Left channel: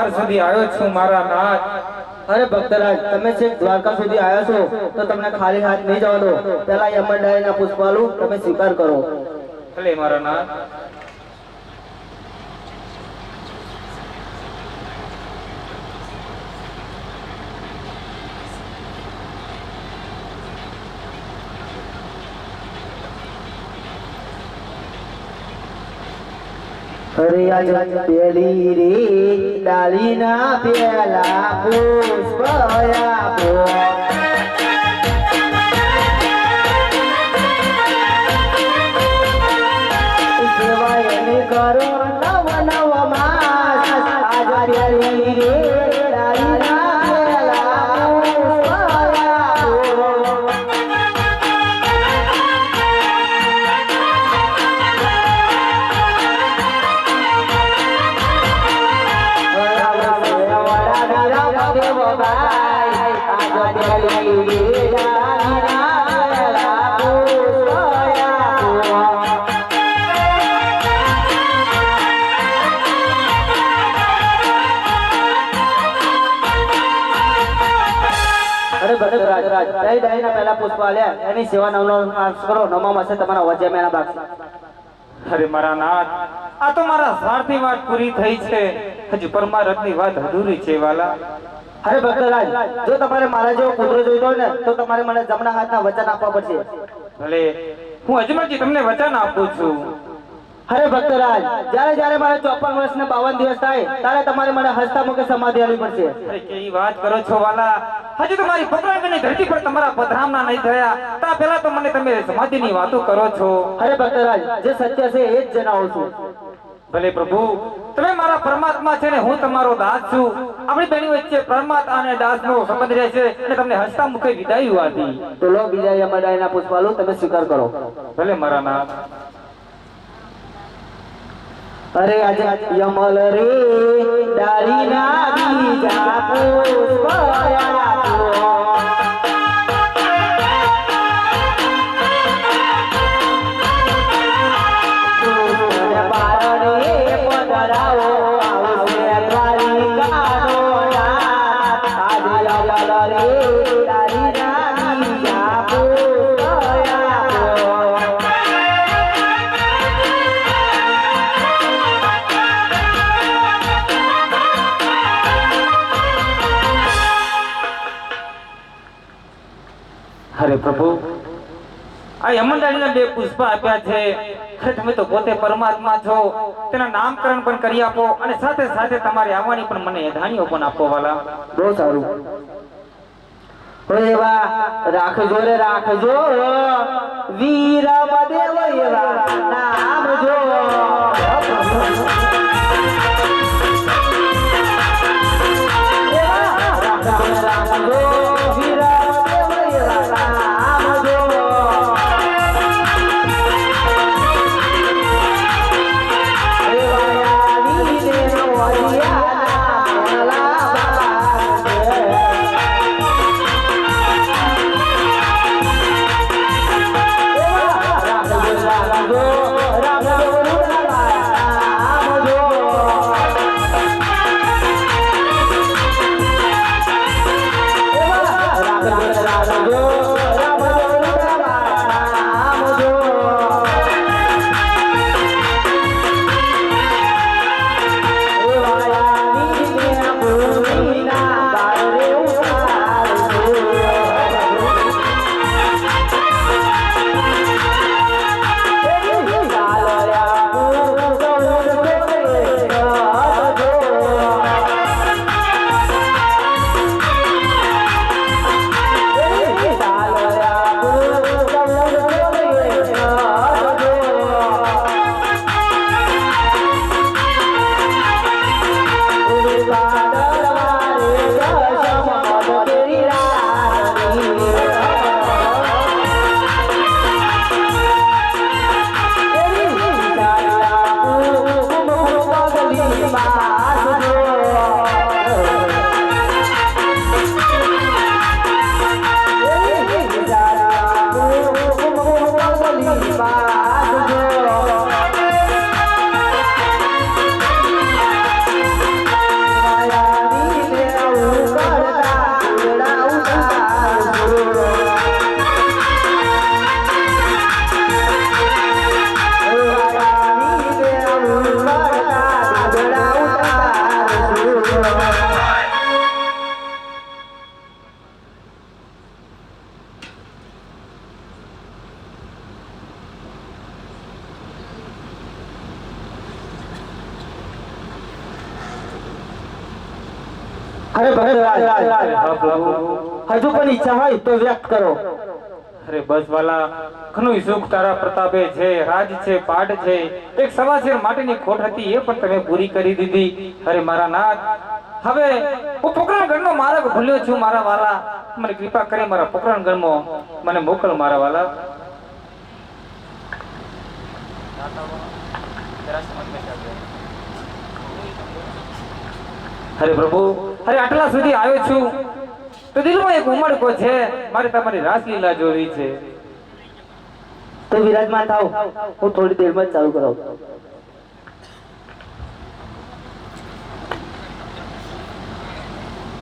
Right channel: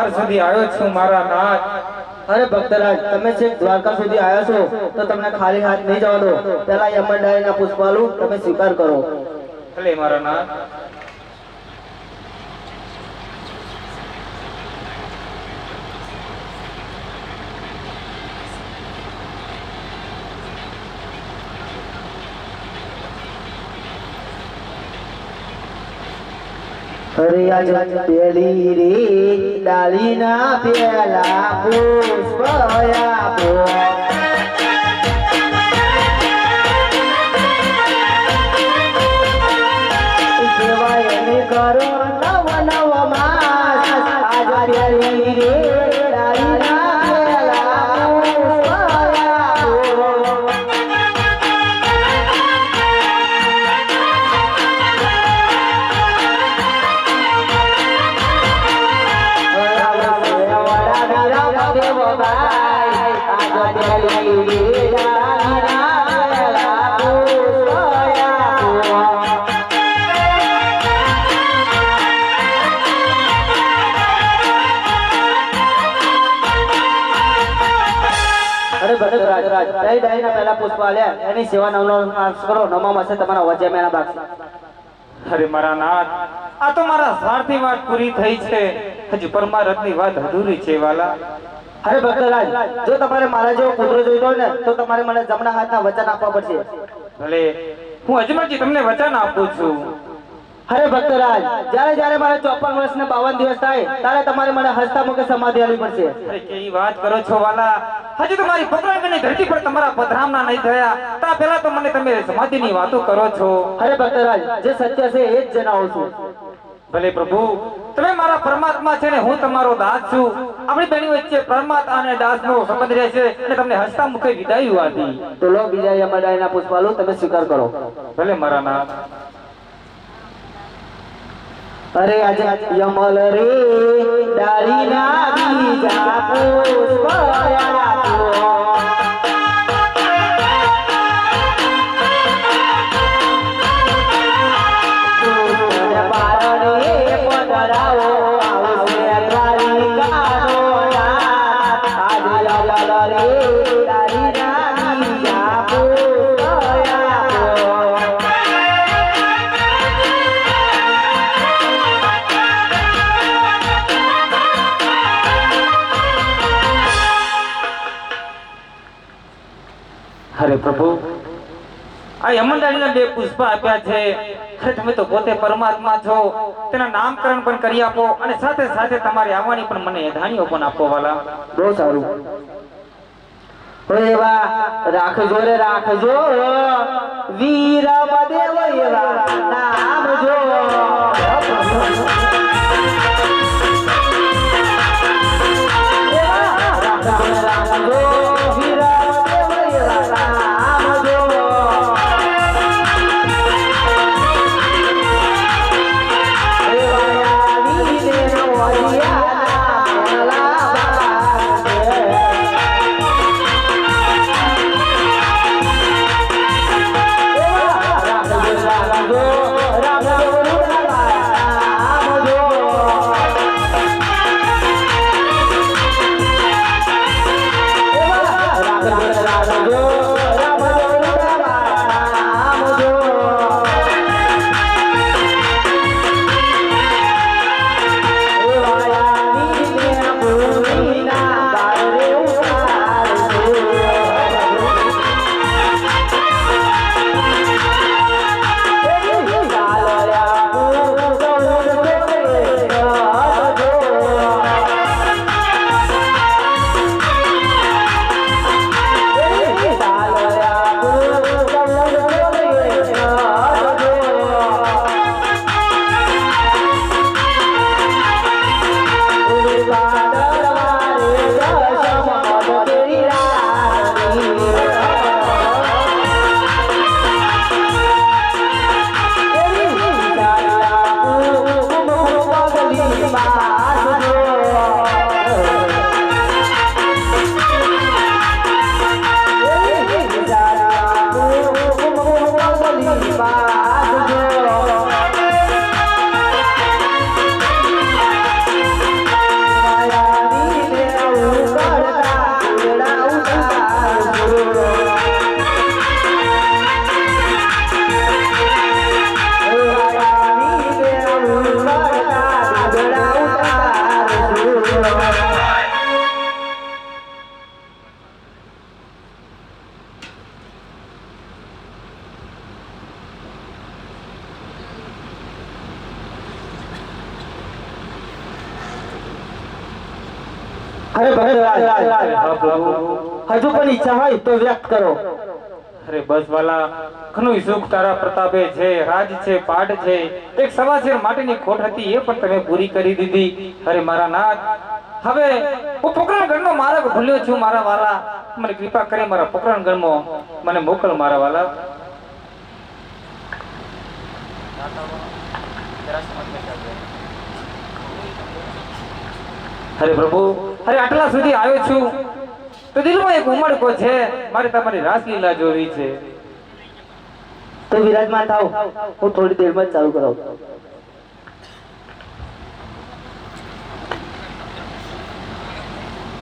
દ્વાર સુધી આવ્યો છું મારા નાથ. અરે ભક્તરાજ, તમે છેક દ્વારકા સુધી આવ્યા છો તો તમને ખાલી હાથ નહીં જવા દો. પહેલા યમનડાળીના પુષ્પાલુ તમે સ્વીકાર કરો. ભલે મારા નાથ. અરે આજ પેલી રે ડાળીના પેલા પુષ્પ આપો. સેવાય ને કરો નવ નવ માસ. આજ પેલી રે ડાળીના પેલા પુષ્પ આપો. પહેલા પુષ્પ આલ્યા એની સેવા નવનો કરો. નવમાં હશે તમારા વજે મેના બાકી. અરે મારા નાથ, આ તો મારા સ્વાર્થની વાત પૂરી થઈ છે, હજુ પરમારથની વાત અધૂરી છે વાલા. અરે ભક્તરાજ, જો તમારે મારા જેવો પુત્ર જોઈતો હોય ને તો તમારે મને જમણા હાથના વચન આપવા પડશે. ભલે, હું અજમાજી તમને વચન આપું છું. અરે ભક્તરાજ, જ્યારે જ્યારે મારે 54 વર્ષ ને 52 દિવસ થાય ત્યારે તમારે મને હસતા મુખે સમાધિ આપવી પડશે. અરે કેવી વાત કરો છો વાલા, હજુ તો મારી પકડાની ધરતી પર તમારા પધરામણા નહીં થયા તા પહેલા તો મને તમે સમાધિની વાતો કરો છો. અરે ભક્તરાજ, જે સત્ય છે એ જ જણાવું છું. ભલે પ્રભુ, તમે મારા પરમાત્મા છે ને હું તમારો દાસ છું. આપણી બેની વચ્ચે પરમાત્મા અને દાસનો સંબંધ રહેશે અને તમને હસતા મુખે વિદાય આપી. તો લો બીજા યમડાઈના પુષ્પાલુ તમે સ્વીકાર કરો. ભલે મારા નાથ. અરે આજે યમલ રે ડાળીના બીજા પુષ્પ આપો. અરે પ્રભુ, આ યમનડાળીના 2 પુષ્પ આપ્યા છે. અરે તમે તો પોતે પરમાત્મા છો, તેના નામકરણ પણ કરી આપો અને સાથે સાથે તમારી આવવાની પણ મને એધાણીઓ પણ આપો વાલા. બહુ સારું. એવા રાખજો રે રાખજો, વીર મદેવ એવા નામ જો. રાખજો વીર અરે ભક્તરાજ હા પ્રભુ. હજુ પણ ઈચ્છા હોય તો વ્યક્ત કરો. અરે બસ વાલા, ઘણું સુખ તારા પ્રતાપે છે, રાજ છે, પાટ છે, એક સવાશેર માટેની ખોટ હતી એ પણ તમે પૂરી કરી દીધી. અરે મારા નાથ, હવે હું પોકરણગઢનો માર્ગ ભૂલ્યો છું મારા વાલા, મને કૃપા કરી મારા પોકરણગઢમાં મને મોકલ મારા વાલા. અરે પ્રભુ, અરે આટલા સુધી આવ્યો છું તો દિલમાં એક ઉમળકો છે, મારે તમારી રાસલીલા જોવી છે. તો વિરાજમાન થાવ, હું થોડી દેરમાં જ ચાલુ કરાવું.